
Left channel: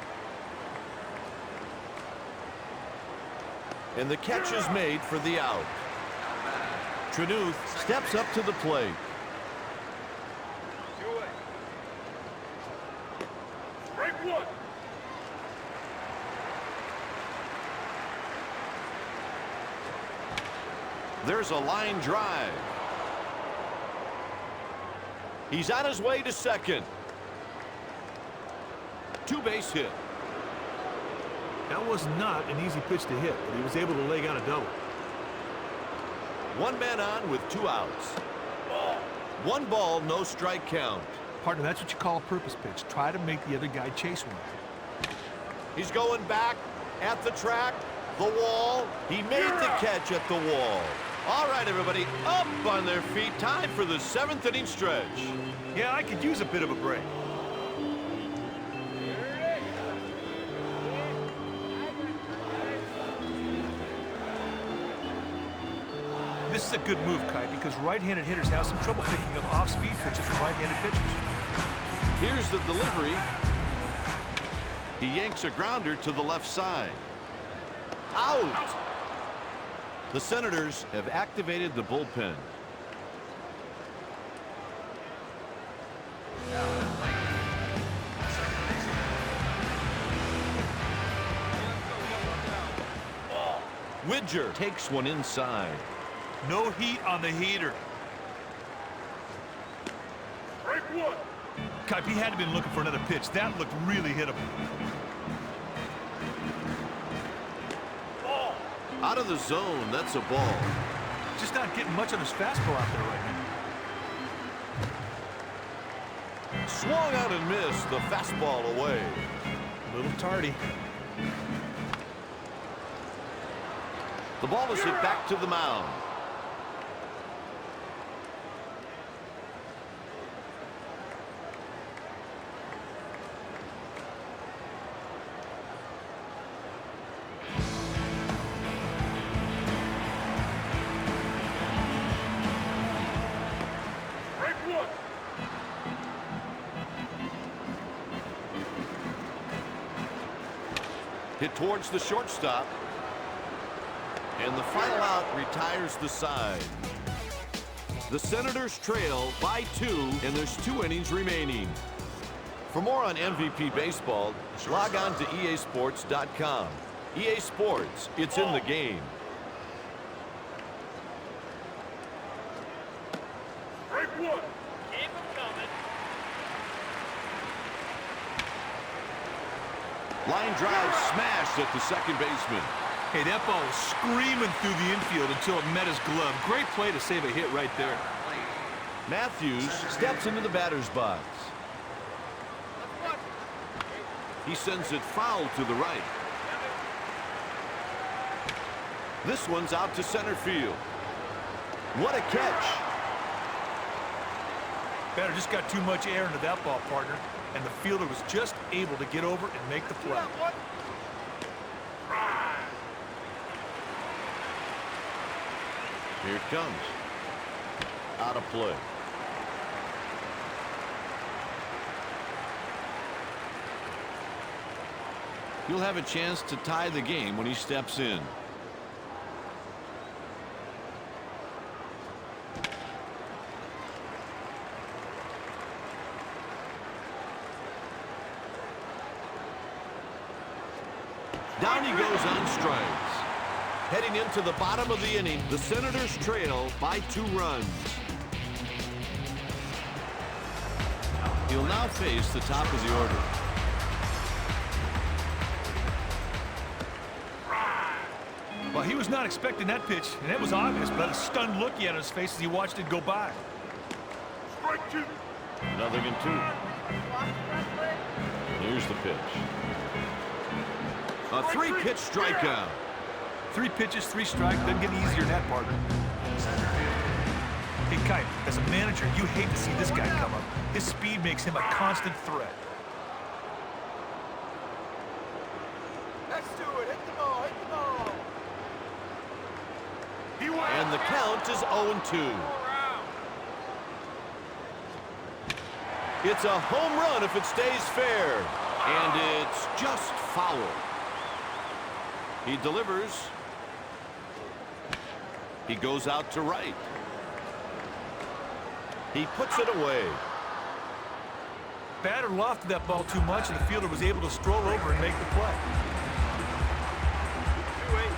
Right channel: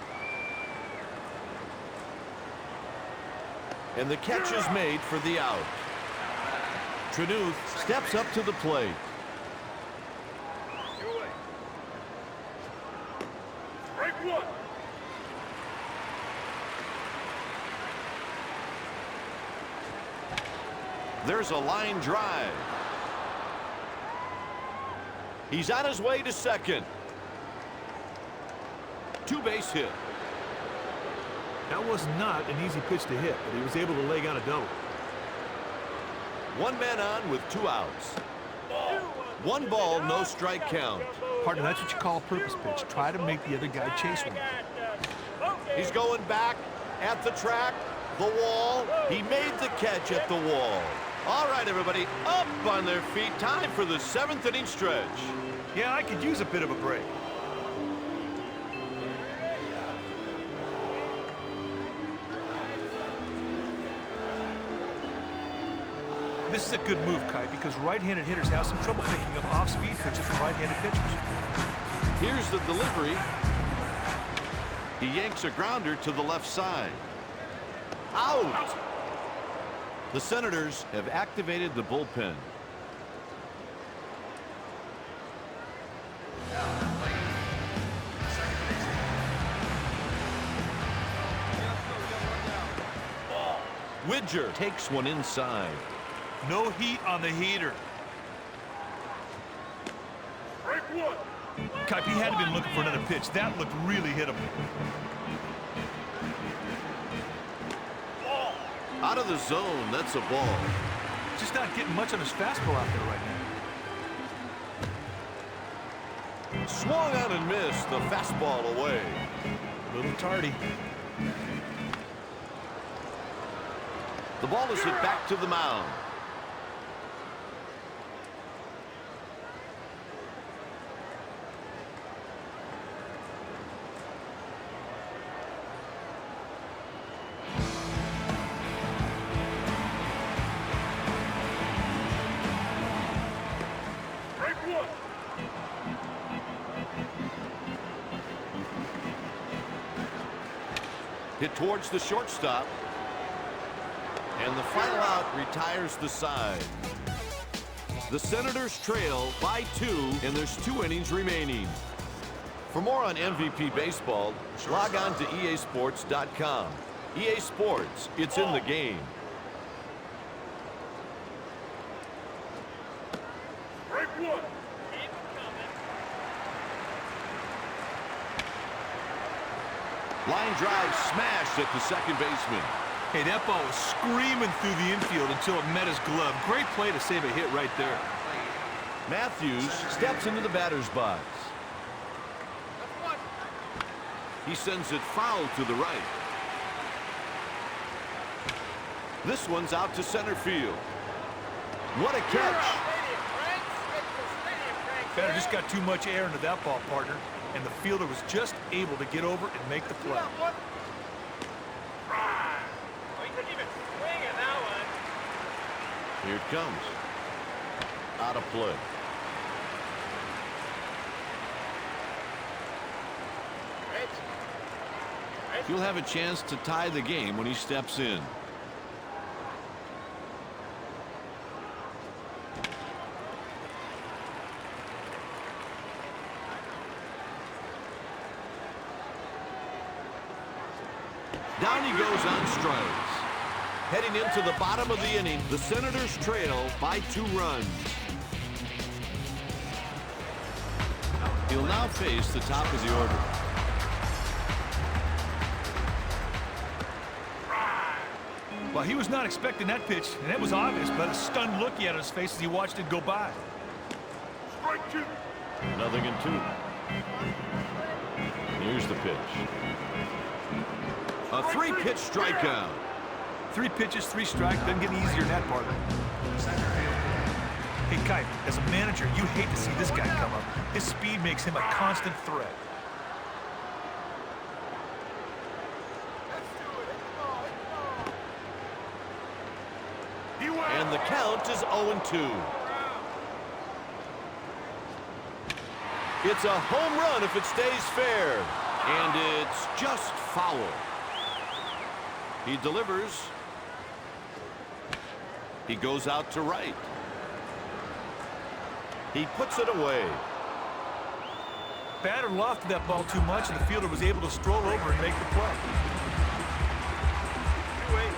And the catch is made for the out. Trenuth steps up to the plate. Two away. Strike one. There's a line drive. He's on his way to second. Two-base hit. That was not an easy pitch to hit, but he was able to leg out a double. One man on with two outs. One ball, no strike count. Partner, that's what you call a purpose pitch. Try to make the other guy chase one. He's going back at the track, the wall. He made the catch at the wall. All right, everybody, up on their feet. Time for the seventh inning stretch. Yeah, I could use a bit of a break. This is a good move, Kai, because right-handed hitters have some trouble picking up off-speed pitches from right-handed pitchers. Here's the delivery. He yanks a grounder to the left side. Out! The Senators have activated the bullpen. Widger takes one inside. No heat on the heater. Strike one. Kai, he had to have been looking for another pitch. That looked really hittable. Ball. Out of the zone, that's a ball. Just not getting much on his fastball out there right now. Swung out and missed the fastball away. A little tardy. The ball is hit back to the mound. Strike one. Hit towards the shortstop. And the final out retires the side. The Senators trail by 2, and there's 2 innings remaining. For more on MVP baseball, log on to easports.com. EA Sports, it's in the game. Strike one. Line drive smashed at the second baseman. Hey, that ball was screaming through the infield until it met his glove. Great play to save a hit right there. Matthews steps into the batter's box. He sends it foul to the right. This one's out to center field. What a catch. Batter just got too much air into that ball, partner, and the fielder was just able to get over and make the play. Here it comes. Out of play. He'll have a chance to tie the game when he steps in. Down he goes on strikes. Heading into the bottom of the inning, the Senators trail by 2 runs. He'll now face the top of the order. Well, he was not expecting that pitch, and that was obvious by the stunned look he had on his face as he watched it go by. Strike two. 0-2. Here's the pitch. A 3-pitch strikeout. 3 pitches, 3 strikes, doesn't get easier than that, partner. Hey, Kai, as a manager, you hate to see this guy come up. His speed makes him a constant threat. And the count is 0-2. It's a home run if it stays fair. And it's just foul. He delivers, He goes out to right. He puts it away. Batter lofted that ball too much, and the fielder was able to stroll over and make the play. 2-8.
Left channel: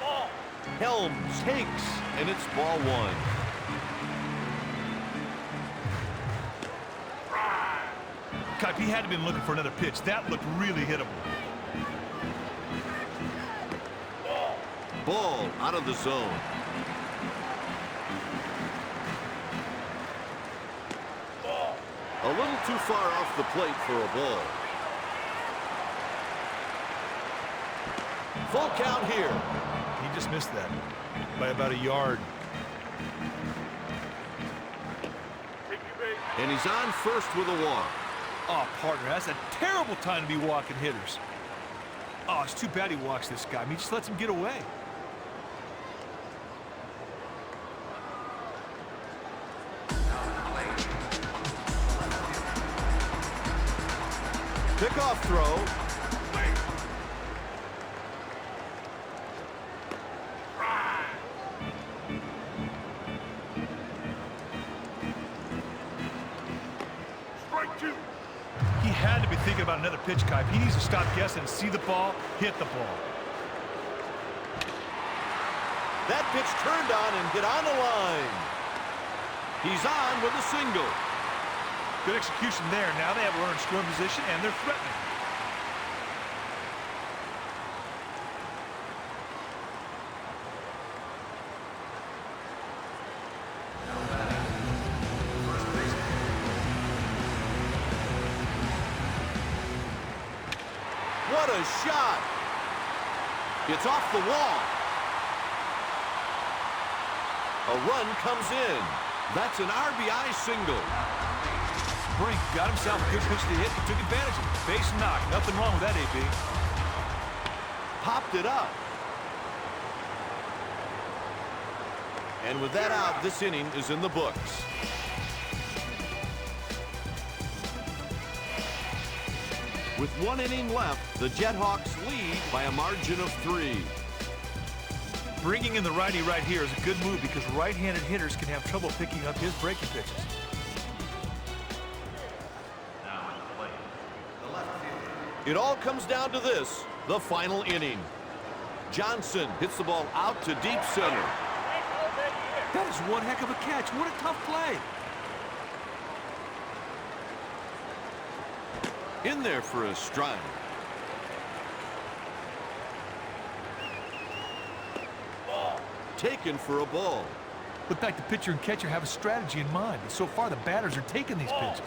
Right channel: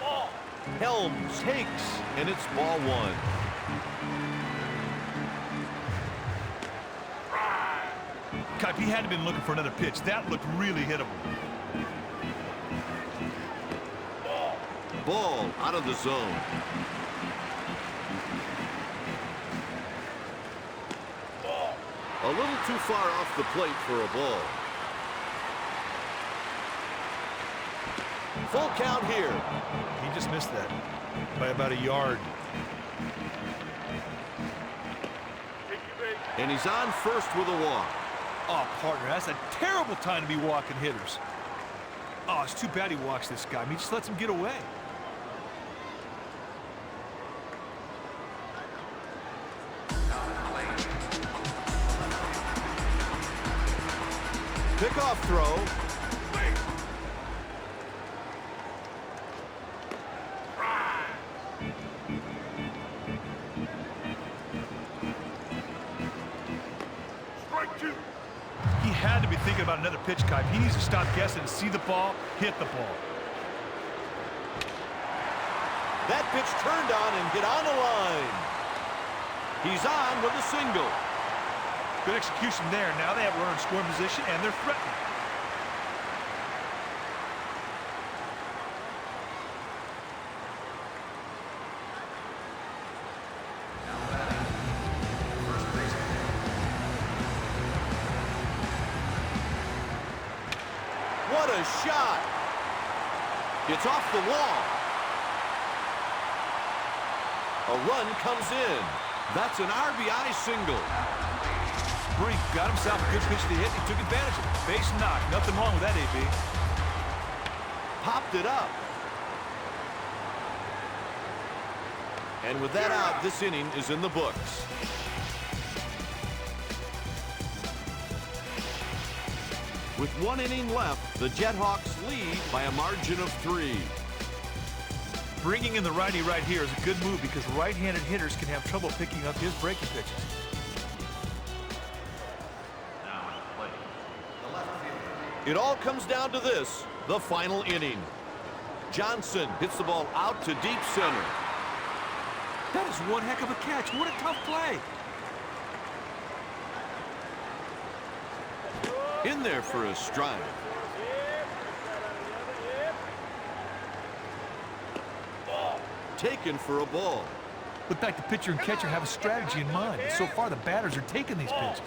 Ball. Helms takes, and it's ball one. Kipe, he had to have been looking for another pitch. That looked really hittable. Ball out of the zone. A little too far off the plate for a ball. Full count here. He just missed that by about a yard. Take your base. And he's on first with a walk. Oh, partner, that's a terrible time to be walking hitters. Oh, it's too bad he walks this guy. I mean, he just lets him get away. Pickoff throw. Strike 2. He had to be thinking about another pitch, Kipe. He needs to stop guessing and see the ball, hit the ball. That pitch turned on and hit on the line. He's on with a single. Good execution there. Now they have a runner in scoring position, and they're threatening. What a shot. It's off the wall. A run comes in. That's an RBI single. Brink got himself a good pitch to hit. He took advantage of it. Base knock. Nothing wrong with that, AB. Popped it up. And with that out, this inning is in the books. With 1 inning left, the JetHawks lead by a margin of 3. Bringing in the righty right here is a good move because right-handed hitters can have trouble picking up his breaking pitches. Now at the plate, the left fielder. It all comes down to this, the final inning. Johnson hits the ball out to deep center. That is one heck of a catch. What a tough play. In there for a strike. Taken for a ball. Looked like the pitcher and catcher have a strategy in mind, but so far the batters are taking these pitches.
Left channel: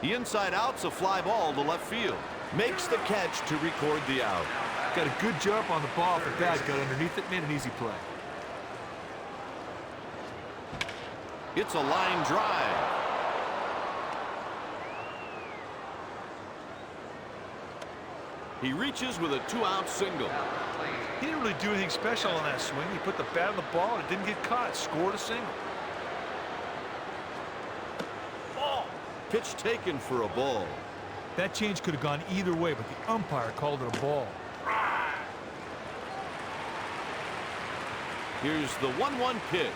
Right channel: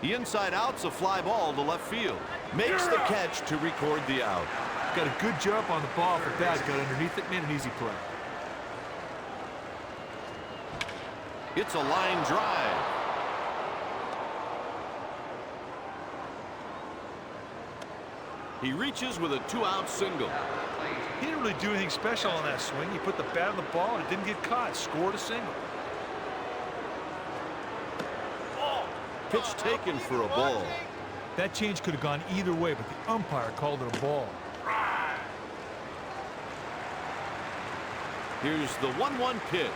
The inside out's a fly ball to left field. Makes the catch to record the out. Got a good jump on the ball. The bat got underneath it, made an easy play. It's a line drive. He reaches with a 2-out single. He didn't really do anything special on that swing. He put the bat on the ball and it didn't get caught. Scored a single. Pitch taken for a ball. That change could have gone either way, but the umpire called it a ball. Here's the 1-1 pitch.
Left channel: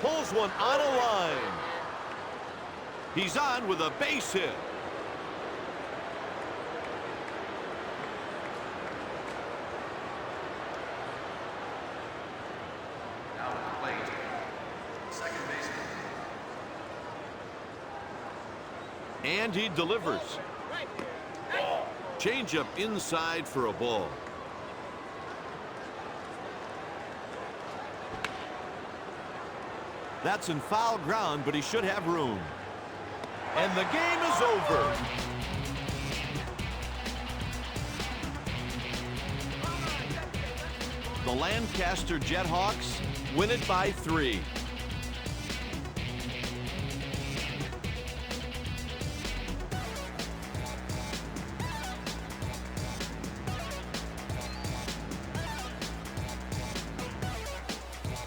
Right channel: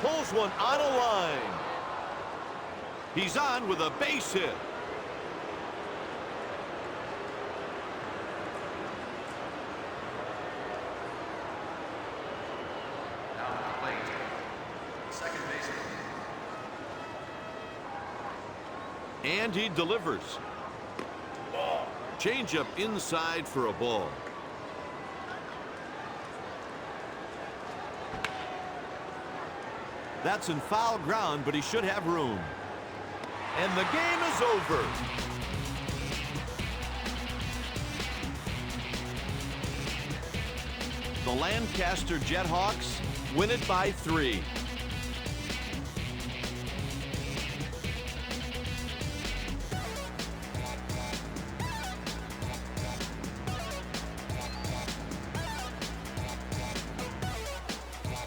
Pulls one on a line. He's on with a base hit. Now at the plate, second baseman. And he delivers. Changeup inside for a ball. That's in foul ground, but he should have room. And the game is over. The Lancaster JetHawks win it by 3.